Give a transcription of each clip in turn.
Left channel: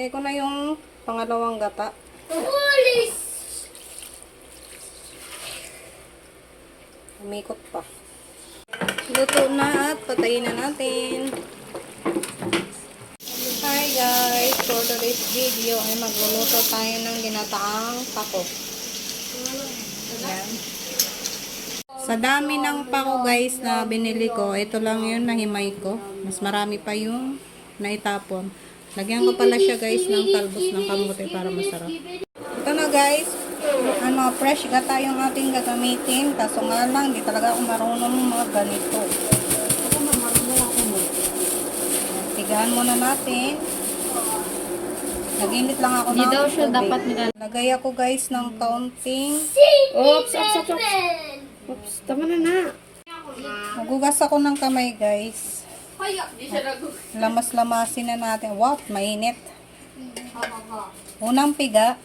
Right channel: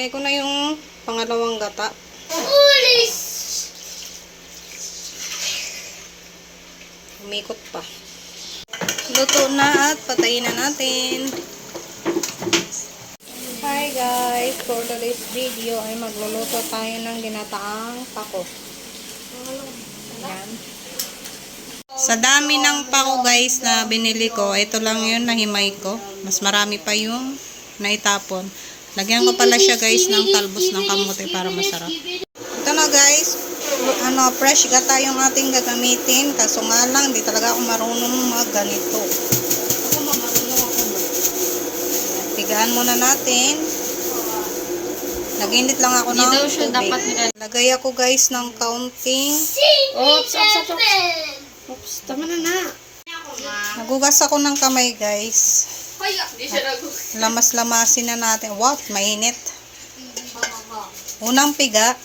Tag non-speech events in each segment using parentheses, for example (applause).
Kaya ko na yung pangalawang gata. Ulis! Umikot pa. Luto na at patayin na natin. Hi guys! For today's video ay magluluto tayo ng ginataang pako. Ayan. Sa dami ng pako guys na binili ko, ito lang yun na himay ko. Mas marami pa yung naitapon. Lagyan ko pala siya guys ng talbos ng kamote para masarap. Ito na guys, ano, fresh gata yung ating gagamitin. Kaso nga lang, di talaga ako marunong mag ganito. Pigahan muna natin. Nag-init lang ako ng daw siya tubig. Lagay ako guys ng counting. Oops, oops, oops, oops. Oops, tama na na. Nagugas ako ng kamay guys. Lamas-lamasin na natin. Wow, mainit. Unang piga,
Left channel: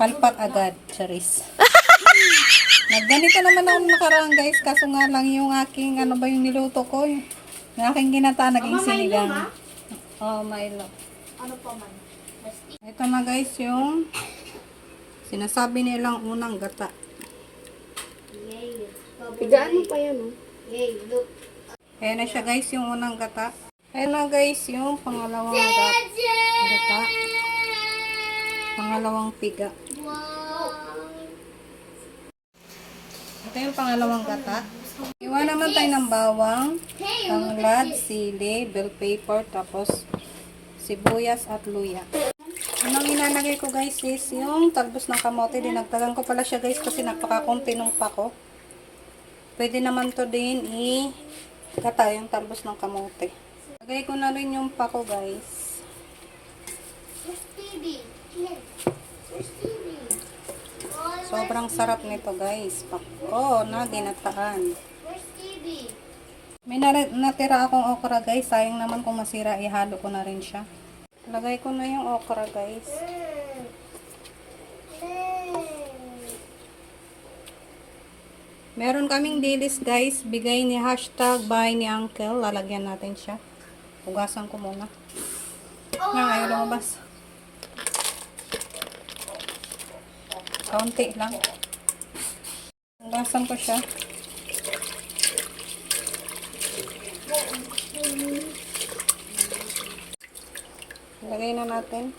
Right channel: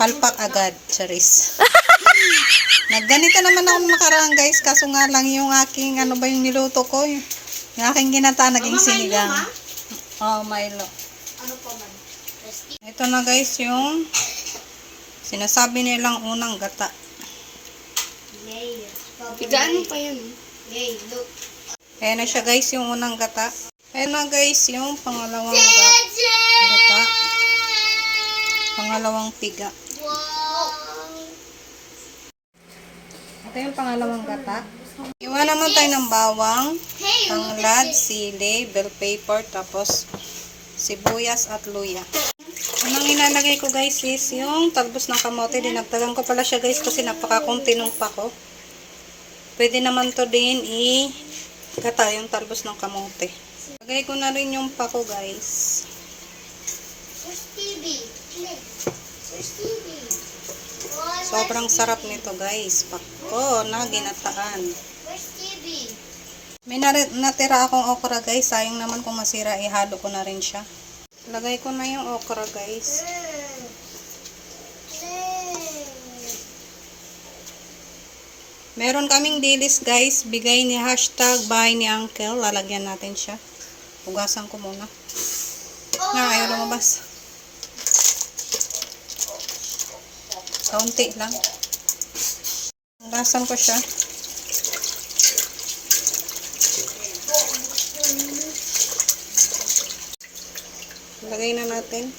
palpak agad, charis. (laughs) Nagganito naman ako nakaraan guys, kaso nga lang yung aking, ano ba yung niluto ko, yung, yung aking ginata, naging sinigang. Oh, Milo. Ano pa man? Ito na guys yung sinasabi nilang unang gata. Yay. Pigaan pa yan, oh. Yay, look. Ayan na siya guys yung unang gata. Ayan na guys yung pangalawang gata. gata. Pangalawang piga. Ito yung pangalawang gata. Iwan naman tayo ng bawang, tanglad, sili, bell pepper, tapos sibuyas at luya. Anong ilalagay ko guys is yung talbos ng kamote. Dinagdagan ko pala siya guys kasi napakakunti nung pako. Pwede naman to din i gata yung talbos ng kamote. Lagay ko na rin yung pako guys. Sobrang sarap nito guys. Pako na ginataan. May natira akong okra guys. Sayang naman kung masira, ihalo ko na rin siya. Lagay ko na yung okra guys. Meron kaming dilis guys. Bigay ni hashtag bahay ni uncle. Lalagyan natin siya. Hugasan ko muna. Nga, ayaw lumabas. Kaunti lang. Hugasan ko siya. Lagay na natin.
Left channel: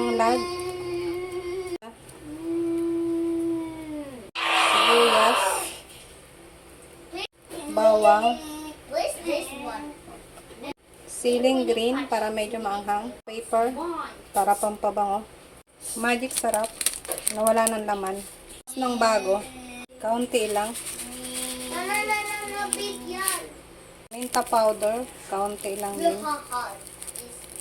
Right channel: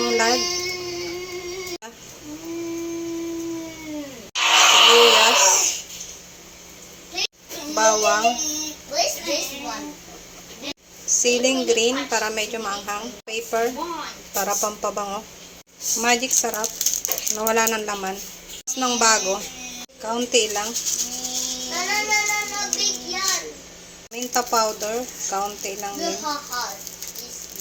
Tanglad. Sibuyas. Bawang. Siling green para medyo maanghang. Paper para pampabango. Magic sarap. Nawala ng laman. ng bago. Kaunti lang. Minta powder. Kaunti lang din. Look how hot is this.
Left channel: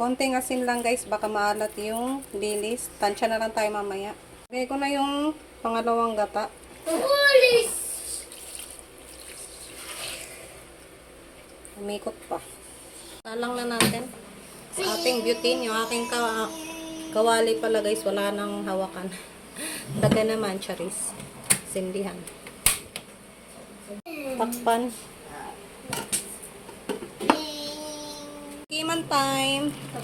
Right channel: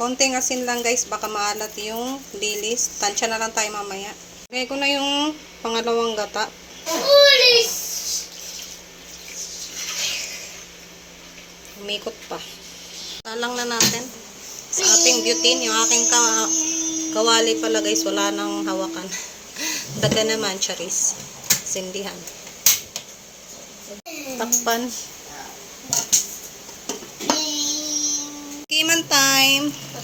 Konting asin lang guys, baka maalat yung dilis. Tansya na lang tayo mamaya. Lagay ko na yung pangalawang gata. Ulis! Umikot pa. Talang na natin. Sa ating butane, yung aking ka kawali pala guys, wala nang hawakan. (laughs) Daga naman, charis. Sindihan. Takpan.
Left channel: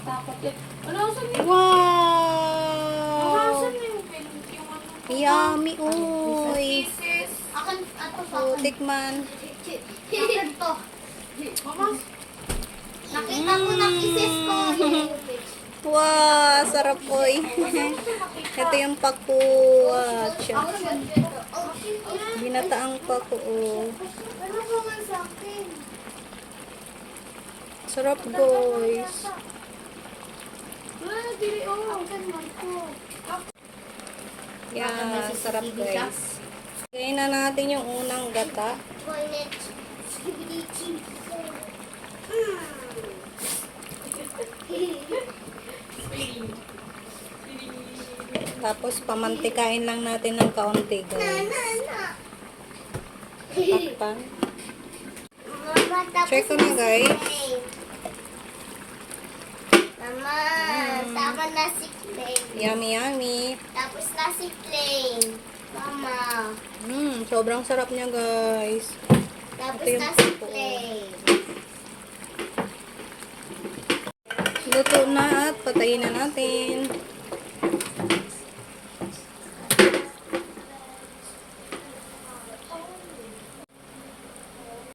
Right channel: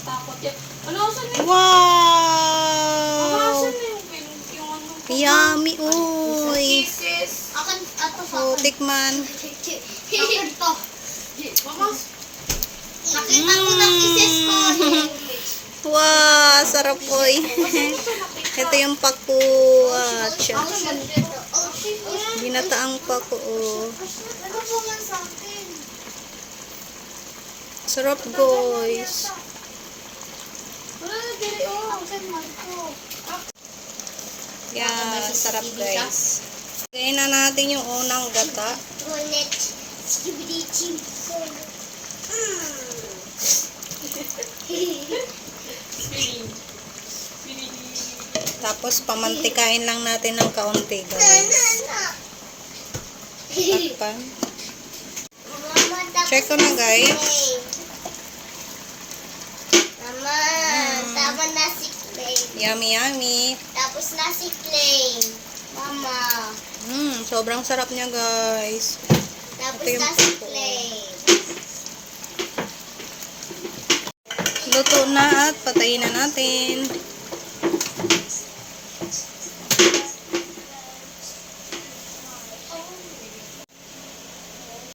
Time. Tatakot yan. Ano, saan na Wow! Yummy, uy. Akan, ato sa O, tikman. Akan to. Makas. Nakita ko ng isis ko. (laughs) Wow, sarap uy. (laughs) Ito yung pakuat siya. Oh, shit. Binataang paku. oh. Ano po man sa akin? Sarap guys. Dili, oh. Ang ko. Yeah, sarap guys. Lagay na natin yung unang gata. Bullet. Skibidi chim. (laughs) Tapos pamantikain lang natin ng kaunti guys. Takpan. Check ko na guys. Mama, tama na si Clay. Yummy yummy. Tapos na si Clay. Mama. Mm, sobrang sarap niya, guys. Tapos Ito yung pako. plate. Luto na at patayin na natin.